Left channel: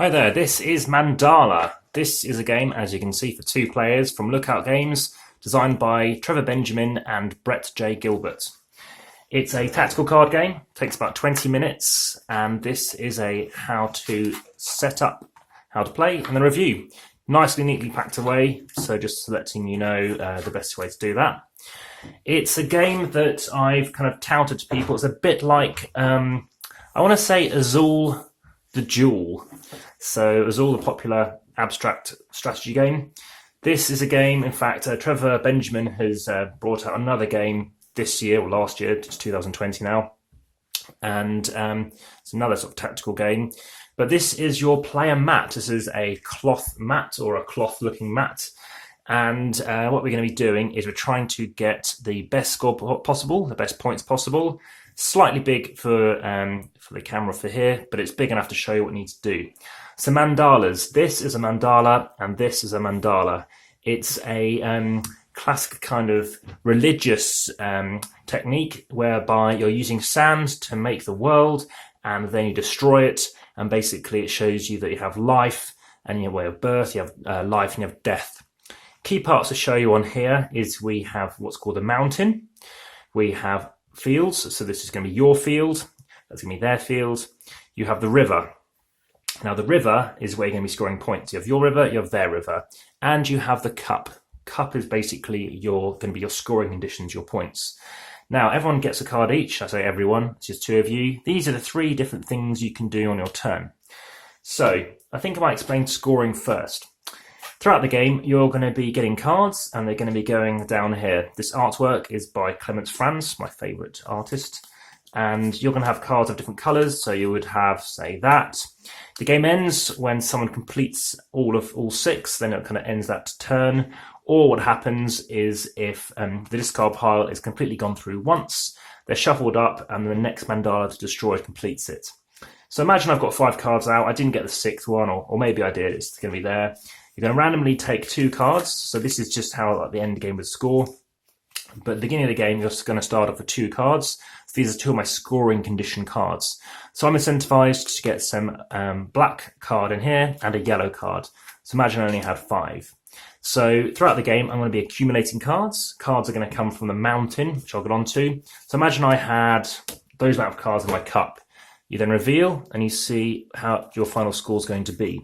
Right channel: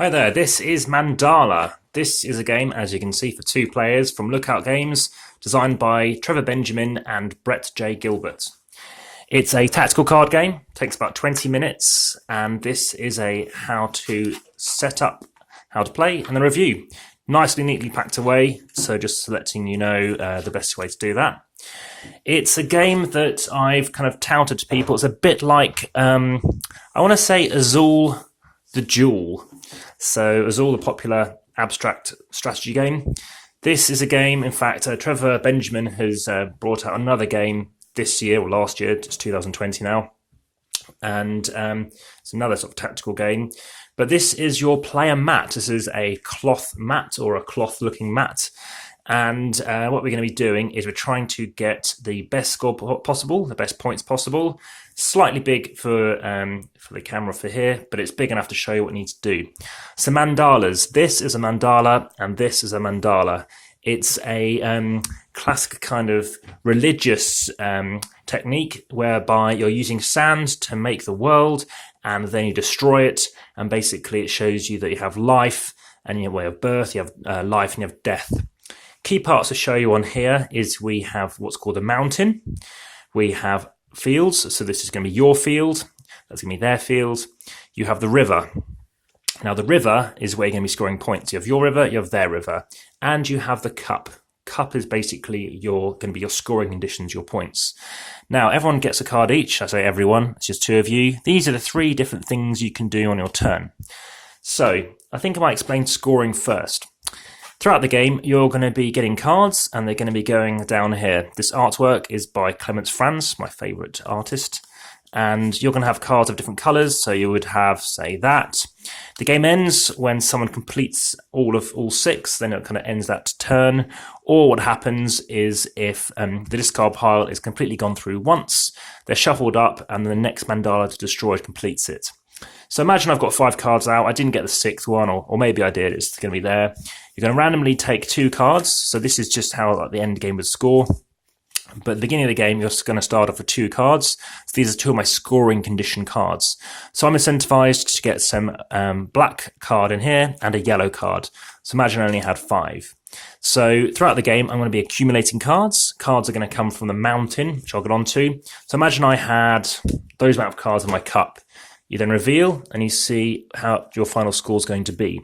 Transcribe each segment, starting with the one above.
Hi there, this is Mandala. This is a game, as you can see, for two players from Lookout Games, designed by Trevor Benjamin and Brett J. Gilbert. It's a tactical card game, takes about 20 minutes, and this is a how to set up, how to play, and a review. Nicely, neatly packed away, so just letting you know the best way to do that. It's a game that I've kind of touted to people. It's a bit like, I want to say Azul the Jewel. So Azul, the popular abstract strategy game. This is a game, in fact, Trevor Benjamin has brought out another game this year, or last year, it's 2020 now. And it's another sort of tactical game. But this is your player mat. This is a cloth mat or a cloth-looking mat. And what we're going to be doing is we're trying to get the best score possible, the best points possible. Slightly big for the camera for here, but it's big enough to show you what it needs to do. So mandalas. This is a mandala, and this is a mandala. It's a classic kind of religious technique whereby you're using sand to make the world, and then you destroy it, and basically it shows you that you have life, and you have way of birth, you have life, and you have death. Key parts to show you on here is we have what's called a mountain. We have fields, so this is going to be your field, that's going to be their field. You have the river. Now the river is where you're going to be scoring points. You have your river, you have their river, and you have the cup. Cup is basically going to be your scoring conditions, your points. Now everyone gets a card each. I say everyone, it's just two of you. These are the three different things you can do on your turn. So I think I might explain scoring first. Throughout the game, you're going to be getting cards, and they're going to be going down here. This artwork is by Clemens Franz, my favourite artist. And you're going to have cards of different colours, so you would have, say, that. The game ends when someone completes all six, then it kind of ends that turn. Or what happens is if the discard pile is completely gone through once, they're shuffled up, and the next mandala to destroy completes it. So imagine I've got 5 cards out. I didn't get the 6th one, or maybe I did. It's going to be there. You're going to randomly take 2 cards. So this is just how the end game would score. But at the beginning of the game, you're going to start off with 2 cards. So these are 2 of my scoring condition cards. So I'm incentivized to get some black card in here and a yellow card. So imagine I only had 5. So throughout the game, I'm going to be accumulating cards. Cards are going to come from the mountain, which I'll get onto. So imagine I had those amount of cards in my cup. You then reveal, and you see how your final score is going to be.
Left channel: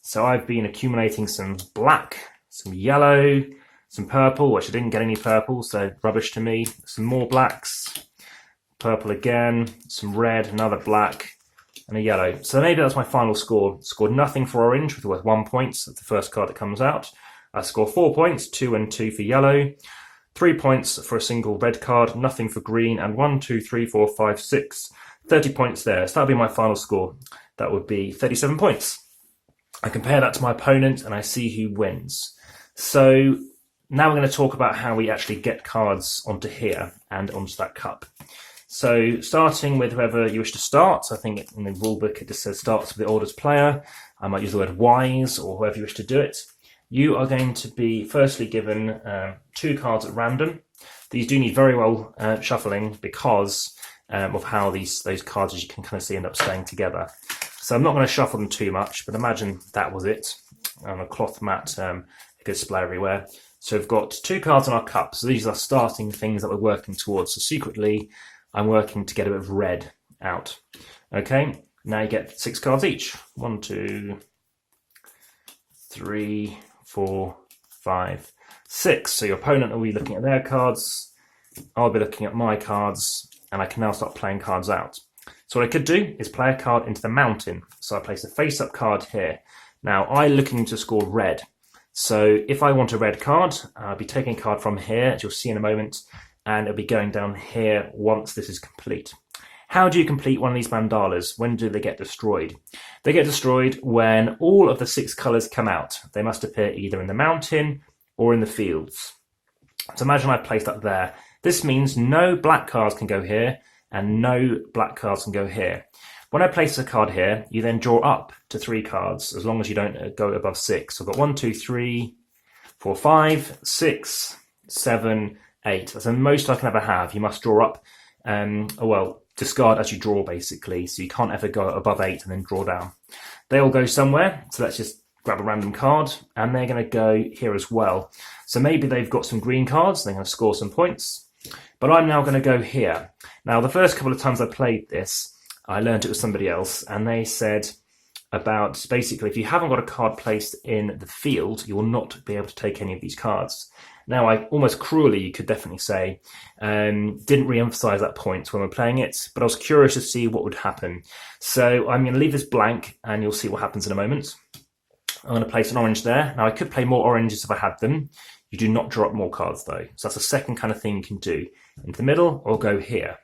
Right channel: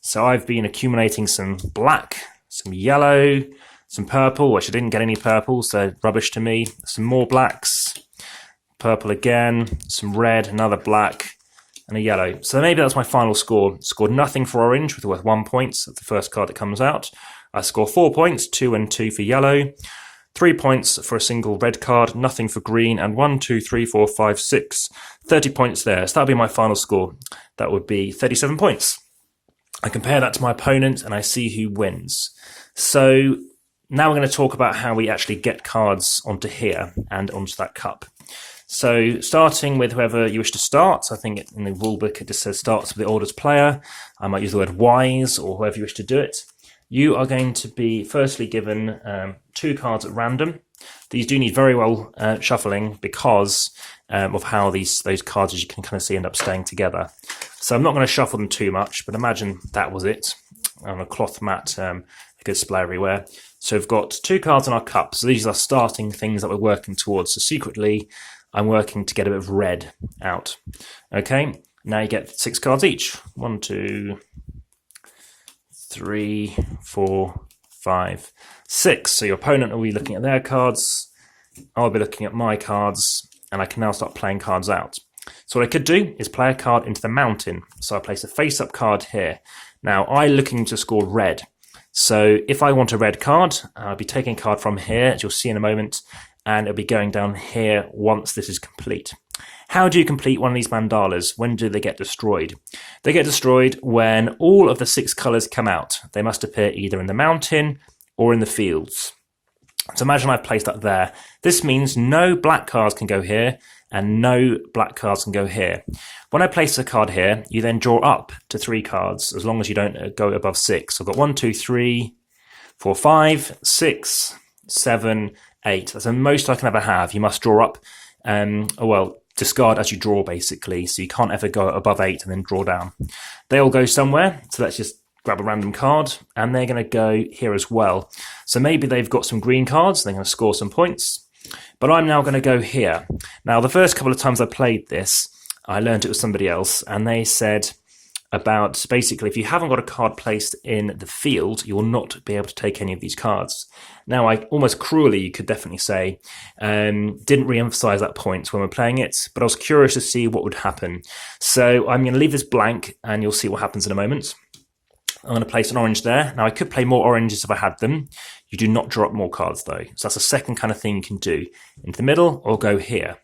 So I've been accumulating some black, some yellow, some purple, which I didn't get any purple, so rubbish to me. Some more blacks, purple again, some red, another black, and a yellow. So maybe that's my final score. Scored nothing for orange, which is worth 1 point. That's the first card that comes out. I score 4 points, 2 and 2 for yellow. 3 points for a single red card, nothing for green, and 1, 2, 3, 4, 5, 6. 30 points there. So that would be my final score. That would be 37 points. I compare that to my opponent and I see who wins. So now we're going to talk about how we actually get cards onto here and onto that cup. So starting with whoever you wish to start. So I think in the rulebook it just says starts with the oldest player. I might use the word wise or whoever you wish to do it. You are going to be firstly given 2 cards at random. These do need very well shuffling because of how those cards, as you can kind of see, end up staying together. So I'm not going to shuffle them too much, but imagine that was it. On a cloth mat, it could splatter everywhere. So we've got 2 cards in our cup. So these are starting things that we're working towards. So secretly, I'm working to get a bit of red out. Okay, now you get 6 cards each. 1, 2, 3, 4, 5, 6. So your opponent will be looking at their cards. I'll be looking at my cards, and I can now start playing cards out. So what I could do is play a card into the mountain. So I place a face-up card here. Now I'm looking to score red. So if I want a red card, I'll be taking a card from here, as you'll see in a moment, and it'll be going down here once this is complete. How do you complete one of these mandalas? When do they get destroyed? They get destroyed when all of the 6 colours come out. They must appear either in the mountain or in the fields. So imagine I've placed that there. This means no black cards can go here and no black cards can go here. When I place a card here, you then draw up to 3 cards as long as you don't go above 6. So I've got 1, 2, 3, 4, 5, 6, 7, 8. That's the most I can ever have. You must draw up discard as you draw, basically. So you can't ever go above 8 and then draw down. They all go somewhere. So let's just grab a random card, and they're going to go here as well. So maybe they've got some green cards. They're going to score some points. But I'm now going to go here. Now, the first couple of times I played this, I learned it was somebody else, and they said about basically if you haven't got a card placed in the field, you will not be able to take any of these cards. Now, I almost cruelly, you could definitely say, didn't re-emphasize that point when we're playing it, but I was curious to see what would happen. So I'm going to leave this blank, and you'll see what happens in a moment. I'm going to place an orange there. Now, I could play more oranges if I had them. You do not draw up more cards, though. So that's the second kind of thing you can do. Into the middle, or go here.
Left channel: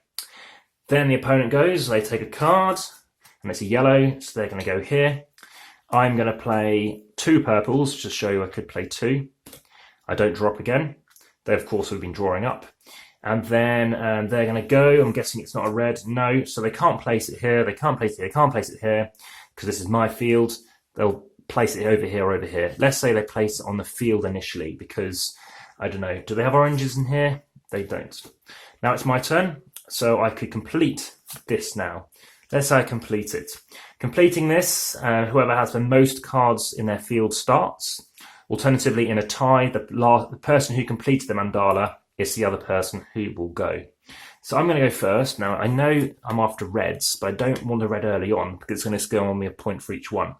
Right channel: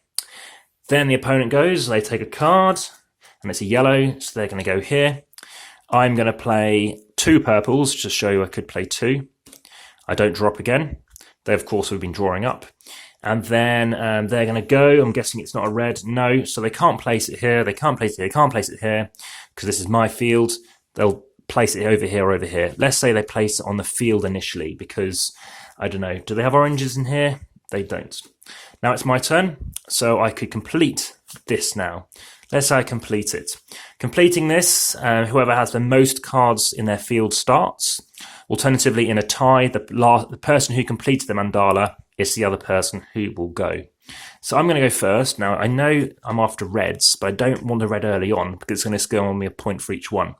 Then the opponent goes, they take a card, and it's a yellow, so they're going to go here. I'm going to play 2 purples, just to show you I could play 2. I don't draw up again. They, of course, have been drawing up. And then they're going to go. I'm guessing it's not a red. No, so they can't place it here. They can't place it here. Can't place it here, because this is my field. They'll place it over here or over here. Let's say they place it on the field initially, because, I don't know, do they have oranges in here? They don't. Now it's my turn, so I could complete this now. Let's say I complete it. Completing this, whoever has the most cards in their field starts. Alternatively, in a tie, the person who completes the mandala is the other person who will go. So I'm going to go first. Now, I know I'm after reds, but I don't want a red early on, because it's going to go on me a point for each one.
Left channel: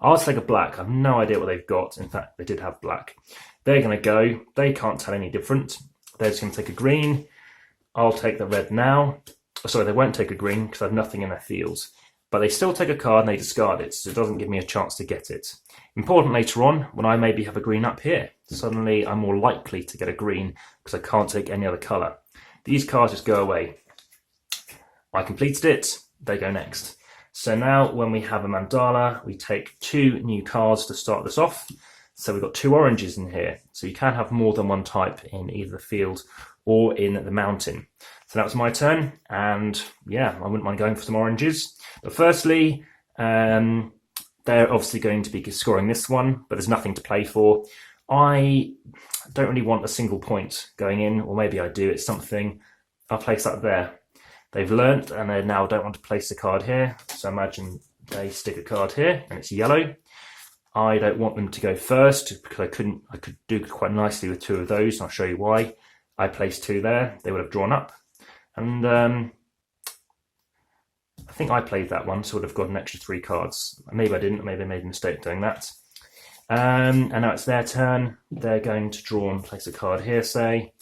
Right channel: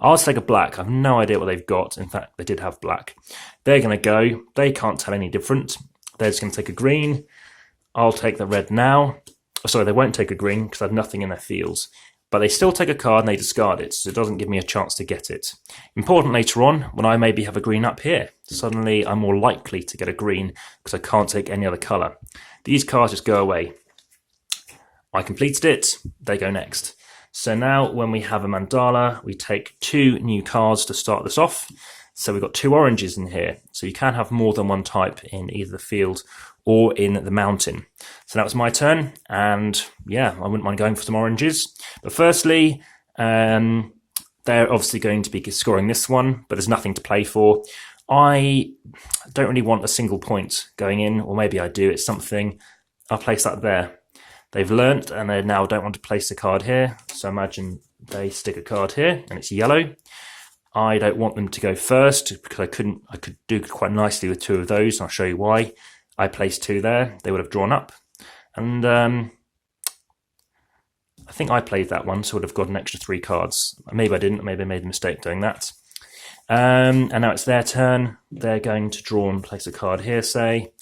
I'll take a black. I have no idea what they've got. In fact, they did have black. They're going to go. They can't tell any different. They're just going to take a green. I'll take the red now. Sorry, they won't take a green because I have nothing in their fields. But they still take a card and they discard it, so it doesn't give me a chance to get it. Important later on, when I maybe have a green up here. Suddenly, I'm more likely to get a green because I can't take any other colour. These cards just go away. I completed it. They go next. So now when we have a mandala, we take 2 new cards to start this off. So we've got 2 oranges in here. So you can have more than one type in either the field or in the mountain. So that was my turn. And yeah, I wouldn't mind going for some oranges. But firstly, they're obviously going to be scoring this one, but there's nothing to play for. I don't really want a single point going in, or maybe I do. It's something. I'll place that there. They've learnt, and they now don't want to place the card here. So imagine they stick a card here, and it's yellow. I don't want them to go first, because I could do quite nicely with 2 of those, and I'll show you why. I placed 2 there. They would have drawn up. And I think I played that one, so I would have got an extra 3 cards. Maybe I didn't. Maybe I made a mistake doing that. And now it's their turn. They're going to draw and place a card here, say.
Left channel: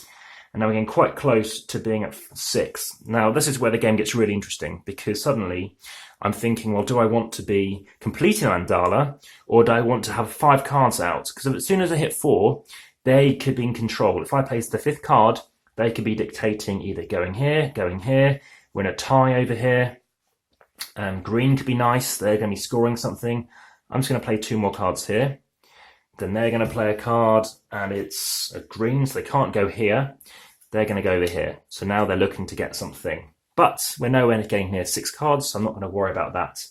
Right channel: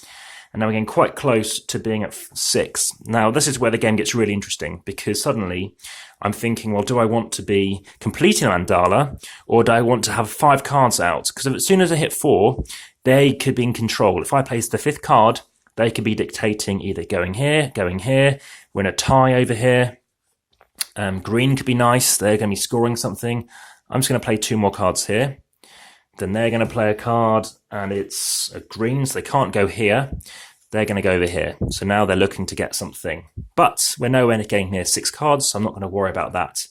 And now we're getting quite close to being at 6. Now, this is where the game gets really interesting, because suddenly I'm thinking, well, do I want to be completing a mandala, or do I want to have 5 cards out? Because as soon as I hit 4, they could be in control. If I place the 5th card, they could be dictating either going here, we're in a tie over here. Green could be nice. They're going to be scoring something. I'm just going to play 2 more cards here. Then they're going to play a card, and it's a green, so they can't go here. They're going to go over here. So now they're looking to get something. But we're nowhere getting near 6 cards, so I'm not going to worry about that.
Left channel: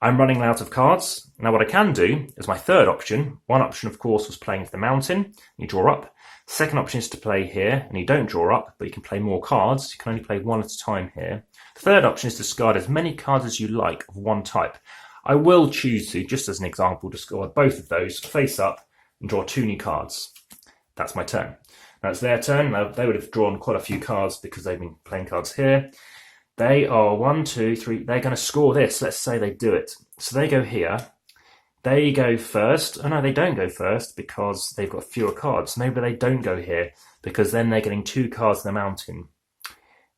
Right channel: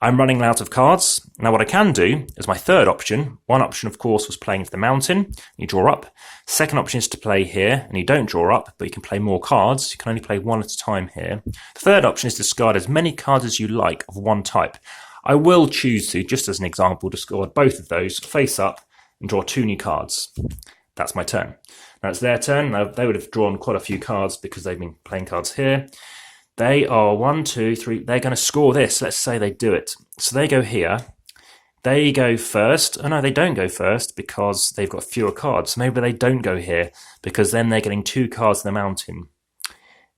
I'm running out of cards. Now what I can do is my third option. One option, of course, was playing to the mountain. You draw up. Second option is to play here, and you don't draw up, but you can play more cards. You can only play 1 at a time here. The third option is to discard as many cards as you like of one type. I will choose to, just as an example, discard both of those face up and draw 2 new cards. That's my turn. Now it's their turn. Now they would have drawn quite a few cards because they've been playing cards here. They are 1, 2, 3. They're going to score this. Let's say they do it. So they go here. They go first. Oh no, they don't go first because they've got fewer cards. Maybe they don't go here because then they're getting 2 cards in the mountain.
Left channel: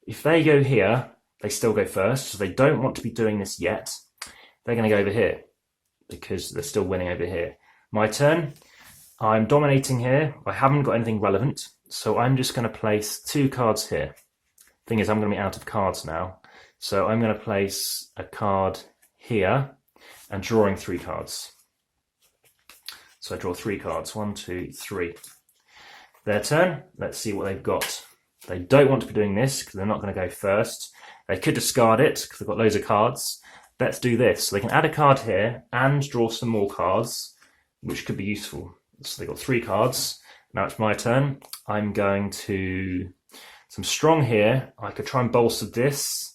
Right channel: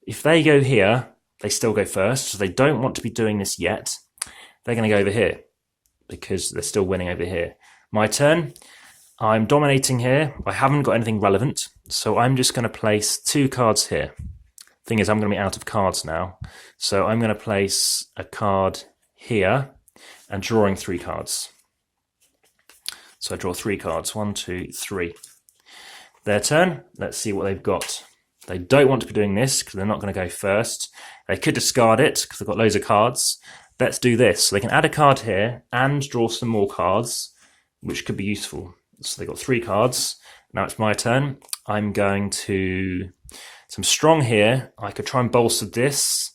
If they go here, they still go first. So they don't want to be doing this yet. They're going to go over here because they're still winning over here. My turn. I'm dominating here. I haven't got anything relevant. So I'm just going to place 2 cards here. Thing is, I'm going to be out of cards now. So I'm going to place a card here and drawing 3 cards. So I draw 3 cards. 1, 2, 3. Their turn. Let's see what they've got. They don't want to be doing this because they're not going to go first. They could discard it because they've got loads of cards. Let's do this. So they can add a card here and draw some more cards, which could be useful. So they've got 3 cards. Now it's my turn. I'm going to... So I'm strong here. I could try and bolster this.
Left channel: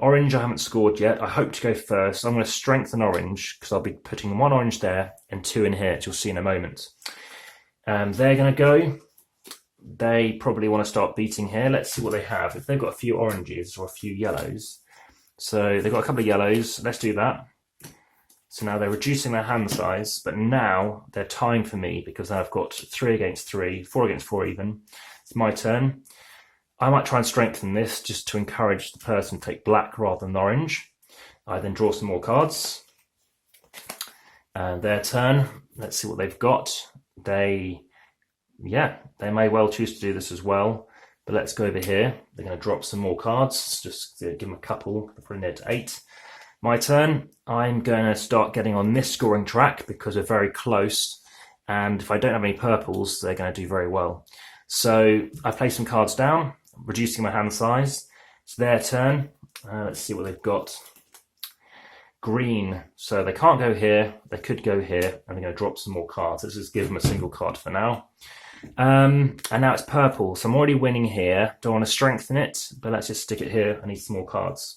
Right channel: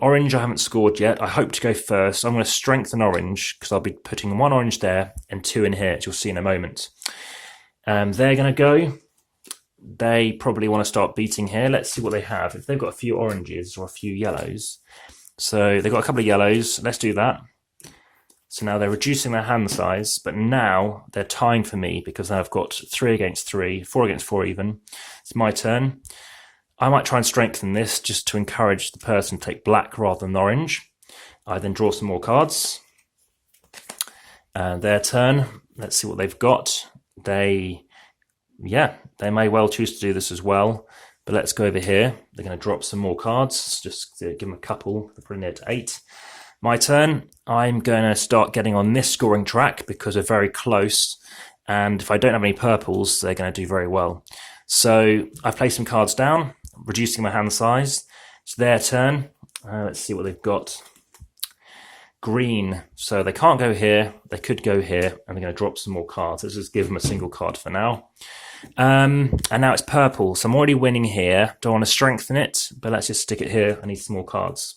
Orange, I haven't scored yet. I hope to go first. I'm going to strengthen orange because I'll be putting 1 orange there and 2 in here, as you'll see in a moment. They're going to go. They probably want to start beating here. Let's see what they have. If they've got a few oranges or a few yellows. So they've got a couple of yellows. Let's do that. So now they're reducing their hand size, but now they're tying for me because I've got 3 against 3, 4 against 4 even. It's my turn. I might try and strengthen this just to encourage the person to take black rather than orange. I then draw some more cards. Their turn. Let's see what they've got. They may well choose to do this as well. But let's go over here. They're going to drop some more cards. Just to give them a couple. They're probably near to 8. My turn. I'm going to start getting on this scoring track because we're very close. And if I don't have any purples, they're going to do very well. So I play some cards down, reducing my hand size. It's their turn. Let's see what they've got. Green. So they can't go here. They could go here, and they're going to drop some more cards. Let's just give them a single card for now. And now it's purple. So I'm already winning here. Don't want to strengthen it, but let's just stick it here. I need some more cards.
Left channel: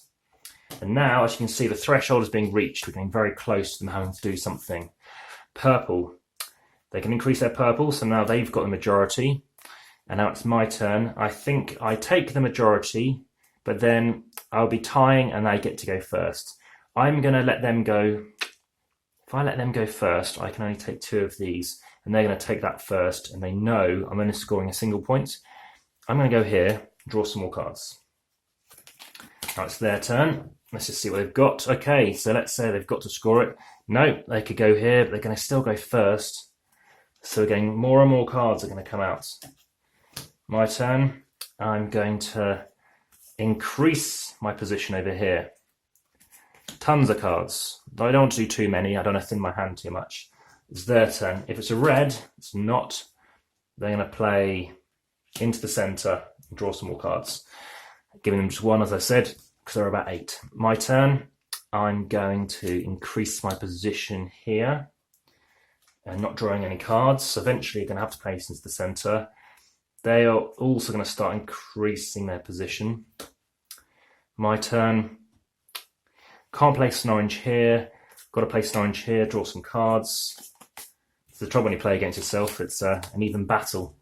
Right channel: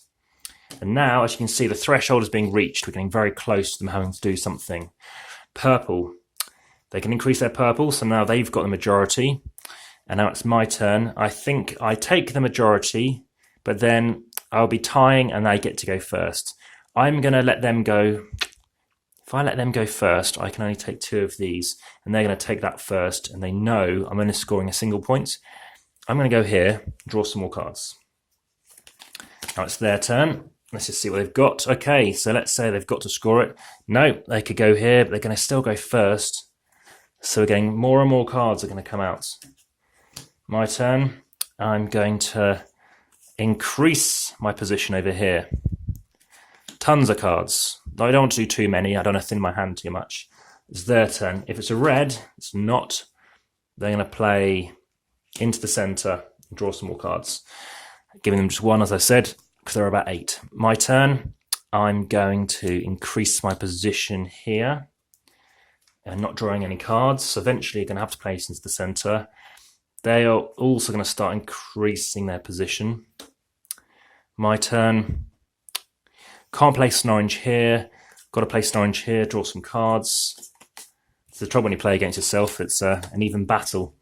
And now, as you can see, the threshold is being reached. We're getting very close to them having to do something. Purple. They can increase their purple, so now they've got the majority. And now it's my turn. I think I take the majority, but then I'll be tying and they get to go first. I'm going to let them go. If I let them go first, I can only take 2 of these, and they're going to take that first, and they know I'm only scoring a single point. I'm going to go here, draw some more cards. Now it's their turn. Let's just see what they've got. Okay, so let's say they've got to score it. No, they could go here, but they're going to still go first. So we're getting more and more cards are going to come out. My turn. I'm going to increase my position over here. Tons of cards. I don't want to do too many. I don't want to thin my hand too much. It's their turn. If it's a red, it's not. They're going to play into the centre and draw some more cards. Giving them just 1, as I said, because they're about 8. My turn. I'm going to increase my position here and not drawing any cards. So eventually you're going to have to place into the centre. They are also going to start increasing their position. My turn. Can't place an orange here. Got to place an orange here, draw some cards. It's the trouble when you play against yourself. It's an even battle.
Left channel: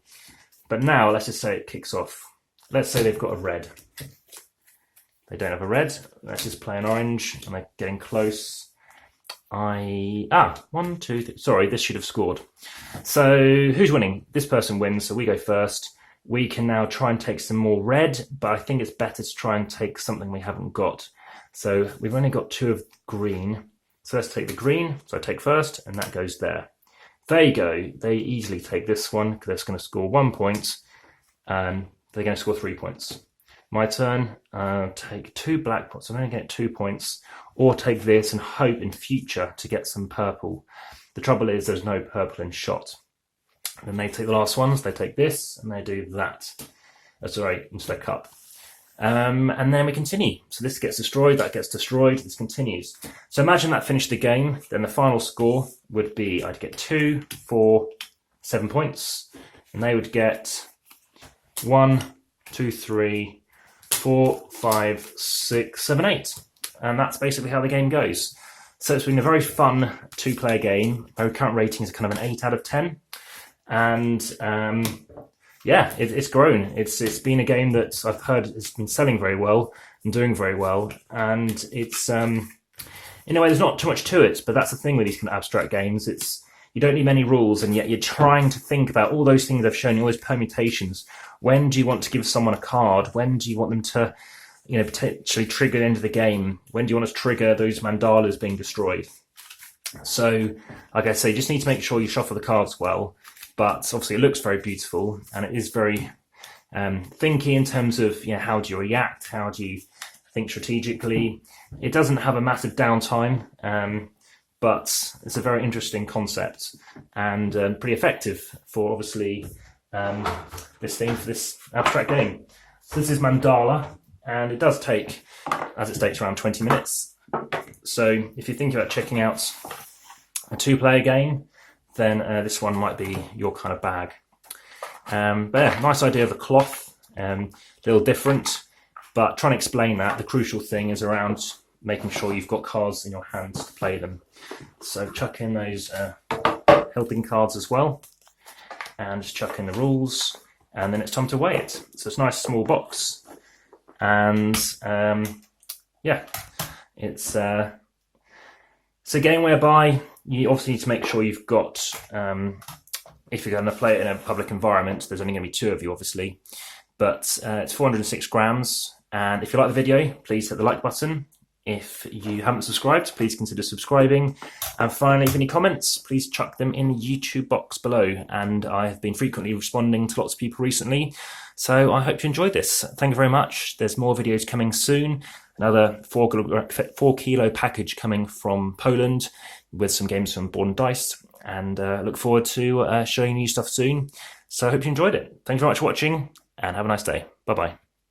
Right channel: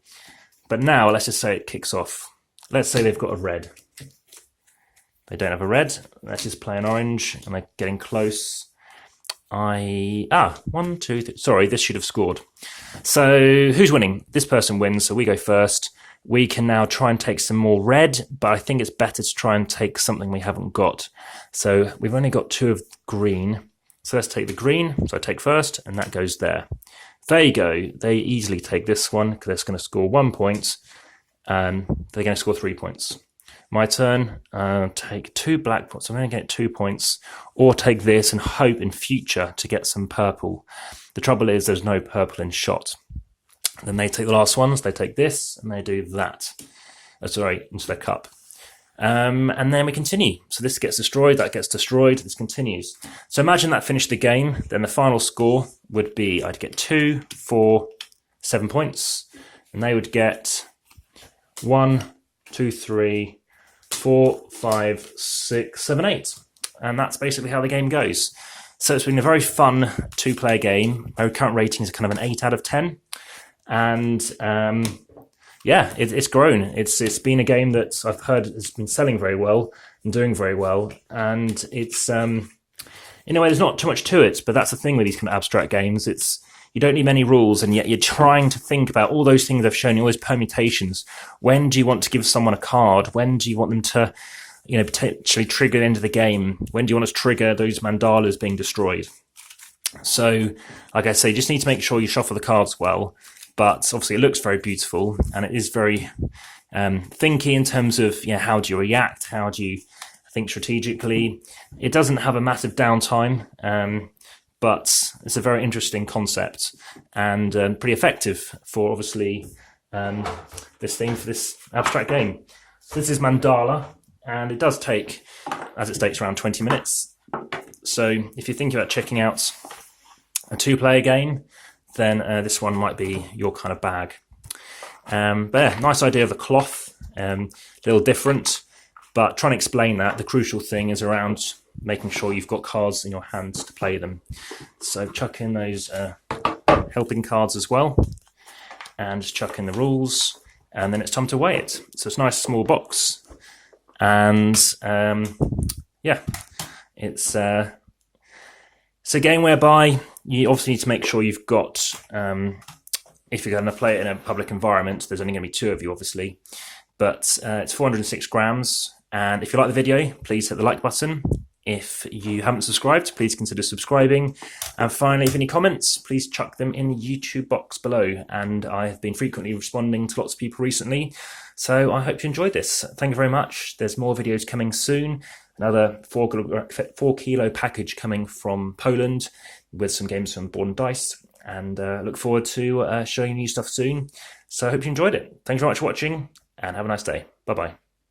But now, let's just say it kicks off. Let's say they've got a red. They don't have a red. Let's just play an orange, and they're getting close. 1, 2, 3. Sorry, this should have scored. So who's winning? This person wins, so we go first. We can now try and take some more red, but I think it's better to try and take something we haven't got. So we've only got 2 of green. So let's take the green. So I take first, and that goes there. There you go. They easily take this one because they're going to score 1 point, and they're going to score 3 points. My turn. Take 2 black points. I'm going to get 2 points, or take this and hope in future to get some purple. The trouble is there's no purple in shot. Then they take the last ones. They take this and they do that. Sorry, into their cup. And then we continue. So this gets destroyed, that gets destroyed, this continues. So imagine that finished the game. Then the final score would be I'd get 2, 4, 7 points. And they would get 1, 2, 3, 4, 5, 6, 7, 8. And that's basically how the game goes. So it's been a very fun 2-player game. Our current ratings are kind of an 8 out of 10. And it's grown. It's been a game that I've heard has been selling very well and doing very well. And it's in a way there's not too much to it, but that's the thing with these kind of abstract games. It's you don't need many rules, and yet you're trying to think about all those things I've shown you, all those permutations. When do you want to give someone a card? When do you want them to, potentially trigger the end of the game? When do you want to trigger those mandalas being destroyed? So, like I say, you just need to make sure you shuffle the cards well. But obviously it looks very beautiful, and it is very thinky in terms of how do you react, how do you think strategically. It doesn't have a massive downtime, but it's a very interesting concept and pretty effective for obviously this abstract game. So this is Mandala, and it does take, as it states, around 20 minutes. So if you're thinking about checking out a 2-player game, then this one might be your kind of bag. But yeah, nice idea of the cloth, a little different. But trying to explain that, the crucial thing is around making sure you've got cards in your hands to play them. So chuck in those helping cards as well, and just chuck in the rules, and then it's time to weigh it. So it's a nice small box, and yeah, it's a game whereby you obviously need to make sure you've got, if you're going to play it in a public environment, there's only going to be 2 of you obviously, but it's 406 grams. And if you like the video, please hit the like button. If you haven't subscribed, please consider subscribing. And finally, if you have any comments, please chuck them in the YouTube box below. And I have been frequently responding to lots of people recently, so I hope you enjoyed this. Thank you very much. There's more videos coming soon. Another 4 kilo package coming from Poland with some games from Board and Dice. And look forward to showing you stuff soon. So I hope you enjoyed it. Thanks very much for watching, and have a nice day. Bye-bye.